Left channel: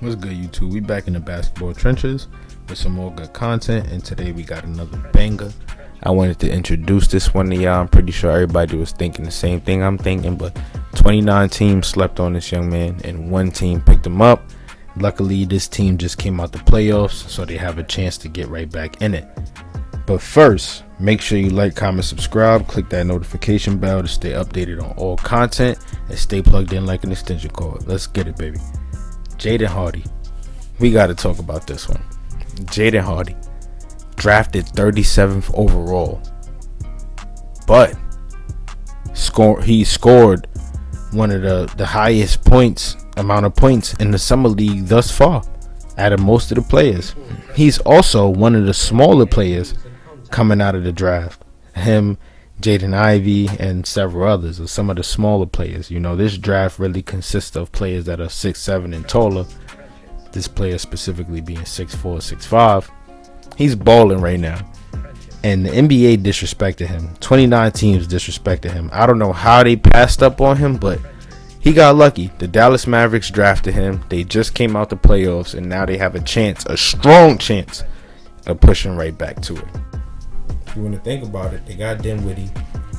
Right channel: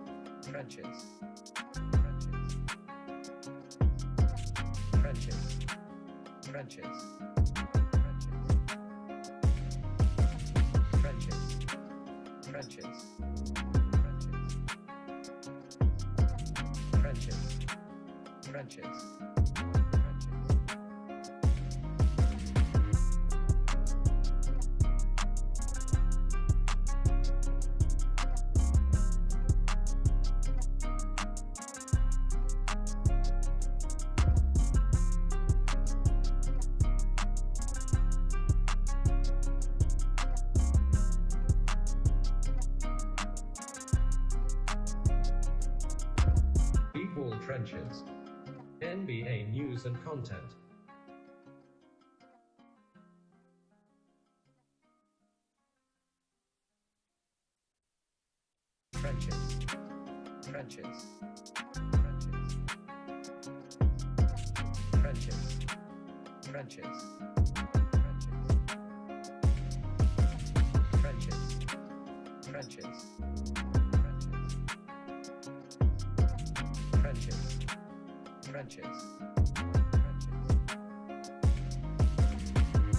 What's good, YouTube? We back in the basketball trenches with some more good content, and today we got another banger. I wanted to introduce this one to y'all. I'm pretty sure everybody was thinking the same thing I'm thinking, but 29 teams slept on this young man, and one team picked him up. Luckily, this team just came out the playoffs, so they have a chance to get right back in it. But first, make sure you like, comment, subscribe, click that notification bell to stay updated on all content, and stay plugged in like an extension cord. Let's get it, baby. Jaden Hardy. We got to talk about this one. Jaden Hardy, drafted 37th overall, but he scored one of the highest amount of points in the summer league thus far out of most of the players. He's also one of the smaller players coming out of the draft. Him, Jaden Ivey, and several others are some of the smaller players. You know, this draft really consists of players that are 6'7" and taller. This player specifically being 6'4", 6'5". He's balling right now. And the NBA disrespected him. 29 teams disrespected him. I don't know how they passed up on him, but he got lucky. The Dallas Mavericks drafted him. They just came out the playoffs, and now they have a strong chance of pushing right back to it. If you want to think about it, they got Dinwiddie,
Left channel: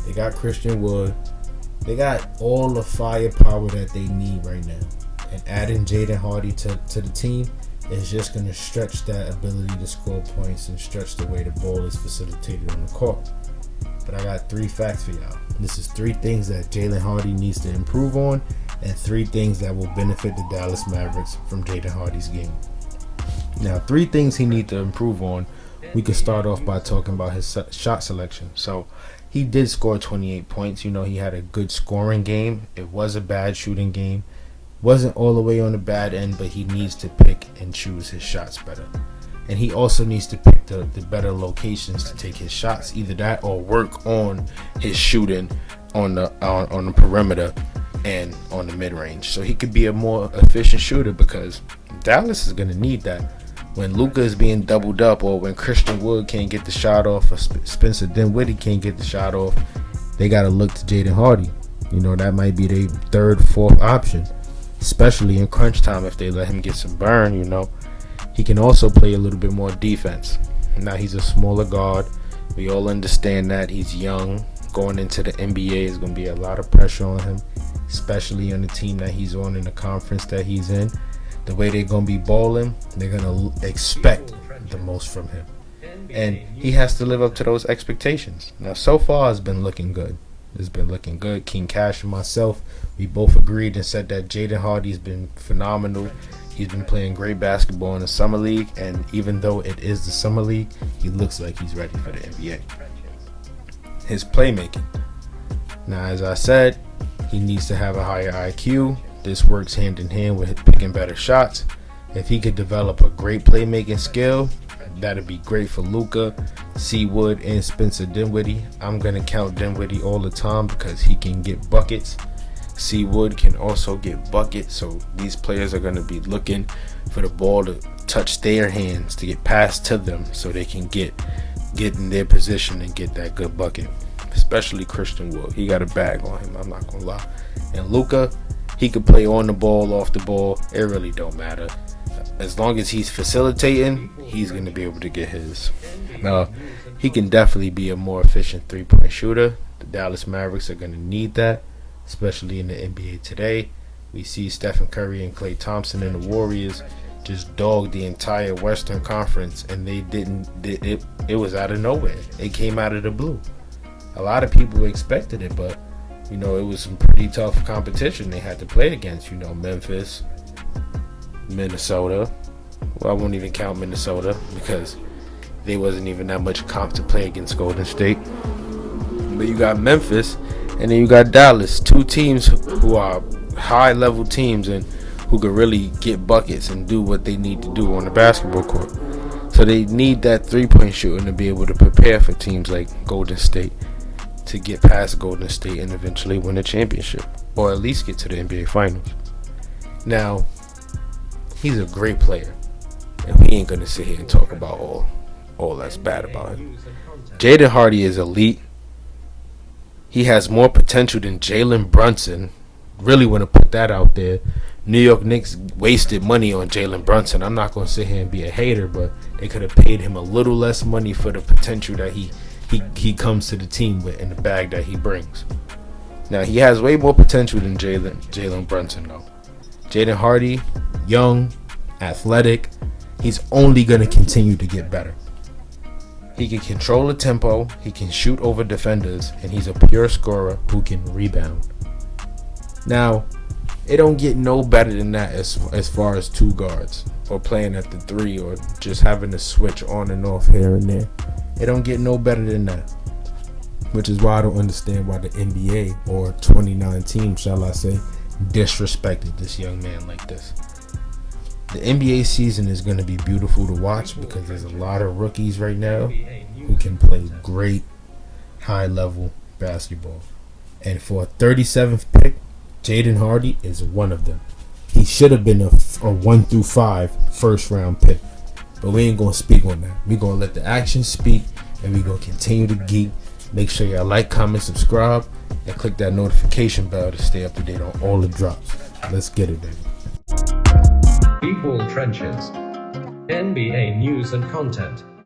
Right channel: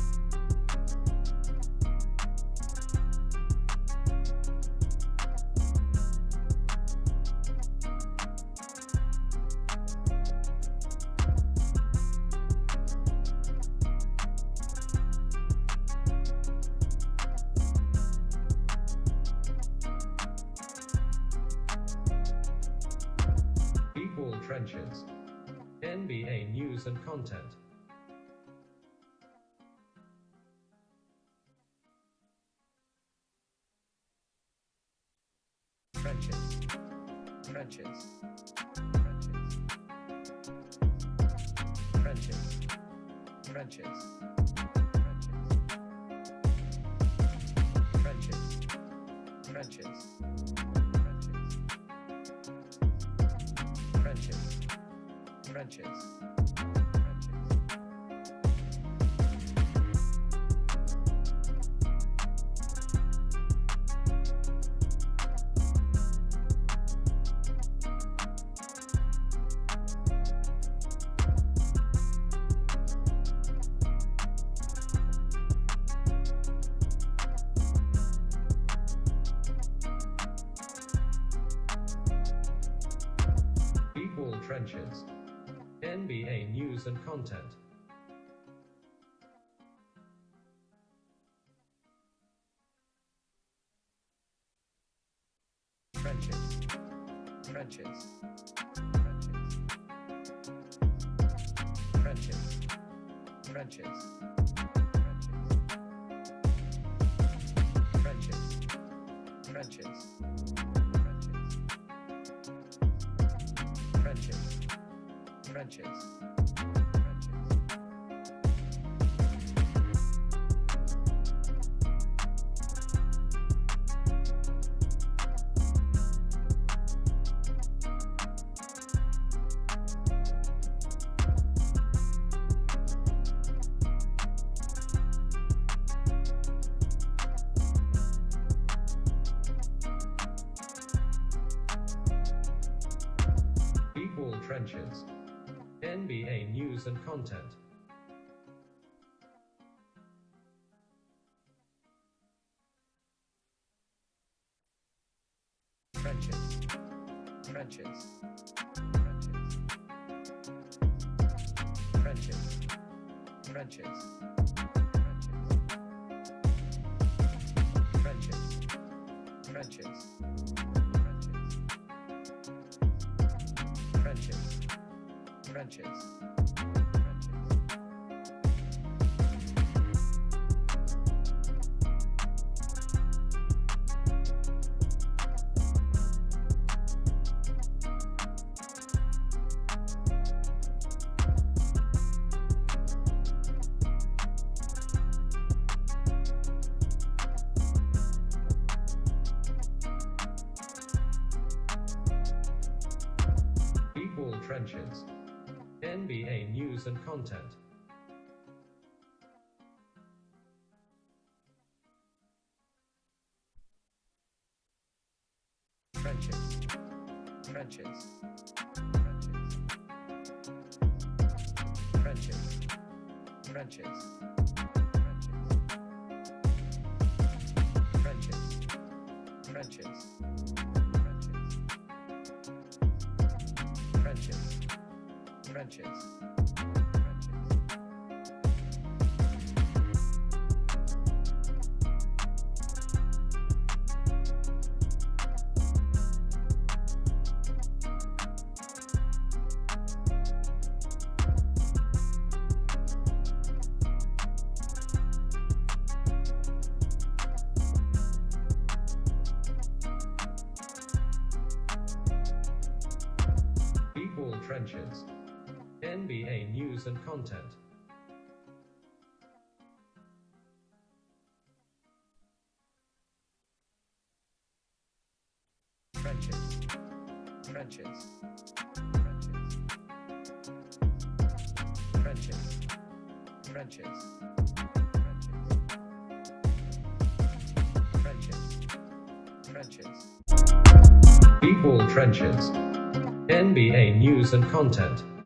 they got Christian Wood, they got all the firepower that they need right now. And adding Jaden Hardy to the team is just going to stretch that ability to score points and stretch the way the ball is facilitated on the court. But I got 3 facts for y'all. This is 3 things that Jaden Hardy needs to improve on, and 3 things that will benefit the Dallas Mavericks from Jaden Hardy's game. Now, 3 things he needs to improve on. We could start off by talking about his shot selection. So he did score 28 points. You know, he had a good scoring game. It was a bad shooting game. Wasn't all the way on the bad end, but he needs to pick and choose his shots better. And he also needs to pick the better locations to take his shots. Either that or work on his shooting on the perimeter and on the mid-range, so he could be a more efficient shooter, because Dallas is going to need that. When Luka is being doubled up, or when Christian Wood can't get the shot off, or Spencer Dinwiddie can't get the shot off, they got to look to Jaden Hardy. You know, that might be their 3rd, 4th option, especially in crunch time if they let him get some burn. You know, he can also play a little bit more defense. Now, he's a smaller guard. We all understand that. He's young. Going into the NBA is going to be a lot of pressure on him, especially on the team that he's on in the conference that he's in. The way they're going to be balling, they're going to expect the most from him. And he has to live up to those expectations. Now, so far, it's been looking good. It's been looking good. King Cash and myself, we both agreed and said that Jaden Hardy's been phenomenal. He's been playing great basketball in the summer league. And even though it is the summer league, he looks like he's ready for the NBA. His playmaking. Now, as I said, he needs to have a higher IQ. This works hand in hand with picking better shots. If he could develop a great playmaking skill, that'd be great for Luka, C. Wood, and Spencer Dinwiddie. I'm going to count Dinwiddie all the time because he can get buckets. C. Wood can also get buckets, so these players are going to be looking for the ball to touch their hands, to get passed to them, so they can get in their position and get that good bucket. Especially Christian Wood. He got a bag on him, I'm not going to lie. And Luka, he could play on the ball, off the ball. It really don't matter. As long as he's facilitating, he's going to be able to get his. Now, he can definitely be a more efficient 3-point shooter. The Dallas Mavericks are going to need that, especially in the NBA today. We see Stephen Curry and Klay Thompson and the Warriors just dog the entire Western Conference, and it was out of nowhere. It came out of the blue. A lot of people expected it, but you know, it was some pretty tough competition they had to play against. You know, Memphis, Minnesota. Well, I won't even count Minnesota because they wasn't even that much comp to play against Golden State. But you got Memphis, and then you got Dallas. 2 teams who are high-level teams and who could really get buckets and do what they need to do on the basketball court. So they need that 3-point shooting to be able to prepare for teams like Golden State, to get past Golden State and eventually win a championship, or at least get to the NBA Finals. Now, he's a great player, and we ain't gonna sit here and talk about all that's bad about him. Jaden Hardy is elite. He has more potential than Jalen Brunson. Really want to put that out there, New York Knicks wasted money on Jalen Brunson. I'm not going to sit here and be a hater, but they could have paid him a little less money for the potential that he comes to the team with in the bag that he brings. Now, he has way more potential than Jalen Brunson, though. Jaden Hardy, young, athletic. He's only going to continue to get better. He can control the tempo, he can shoot over defenders, and he's a pure scorer who can rebound. Now, it don't get no better than that as far as two guards or playing at the three or just having to switch on and off here and there. It don't get no better than that, which is why I don't understand why the NBA or 2019, shall I say, disrespected this young man like this. The NBA season is going to be beautiful to watch because there's a lot of rookies right now who can play great high-level basketball. And for a 37th pick, Jaden Hardy is one of them. He should have been a 1 through 5 first-round pick. But we ain't going to speak on that. We're going to let the action speak, and we're going to continue to geek. Make sure y'all like, comment, subscribe, and click that notification bell to stay up to date on all the drops. Let's get it, baby. Equal Trenches. NBA news and content.